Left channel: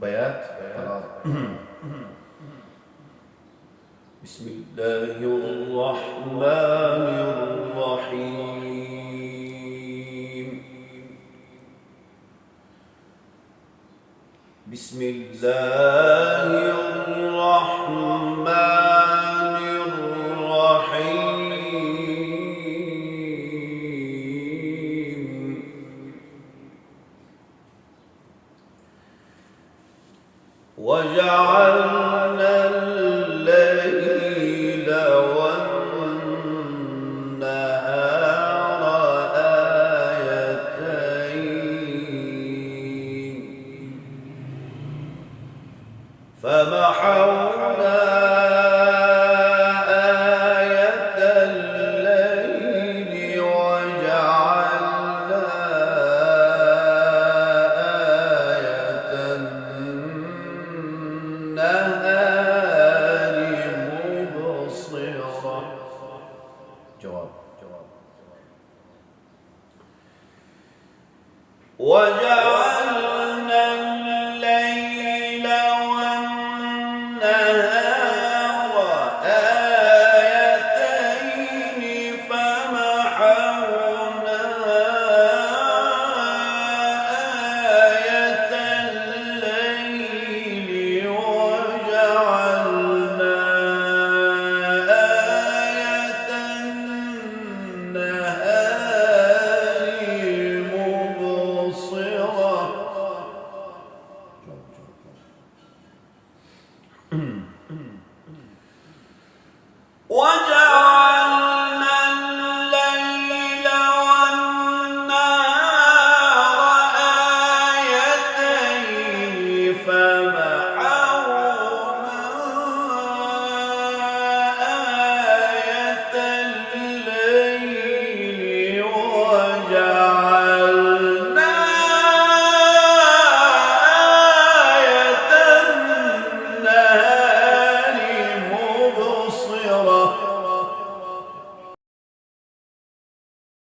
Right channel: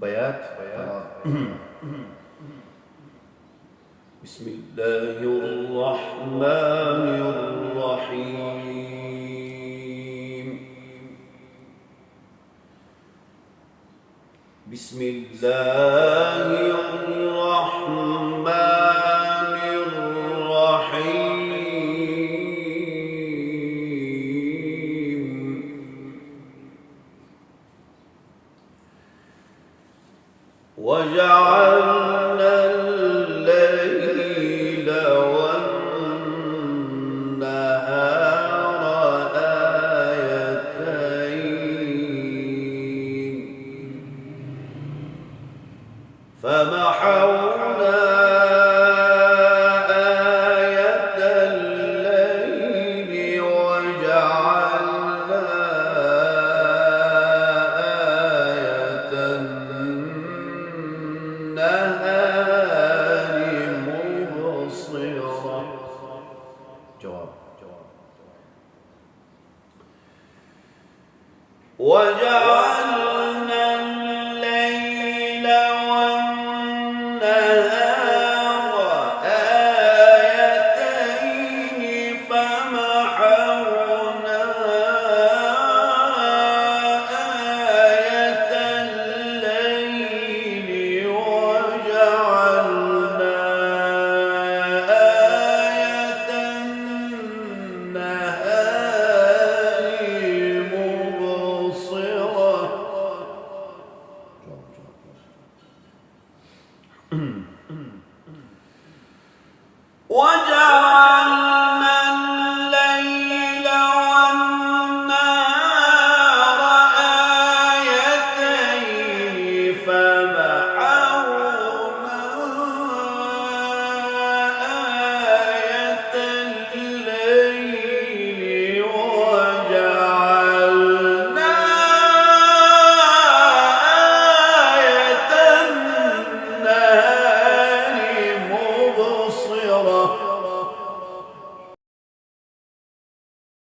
بيات. بسم الله الرحمن الرحيم. بسم الله الرحمن الرحيم. وجعلنا الليل والنهار آيتين فمحونا آية الليل وجعلنا آية النهار مبصرة. جواب. وجعلنا الليل والنهار آيتين فمحونا آية الليل وجعلنا آية النهار مبصرة. وجعلنا الليل والنهار آيتين فمحونا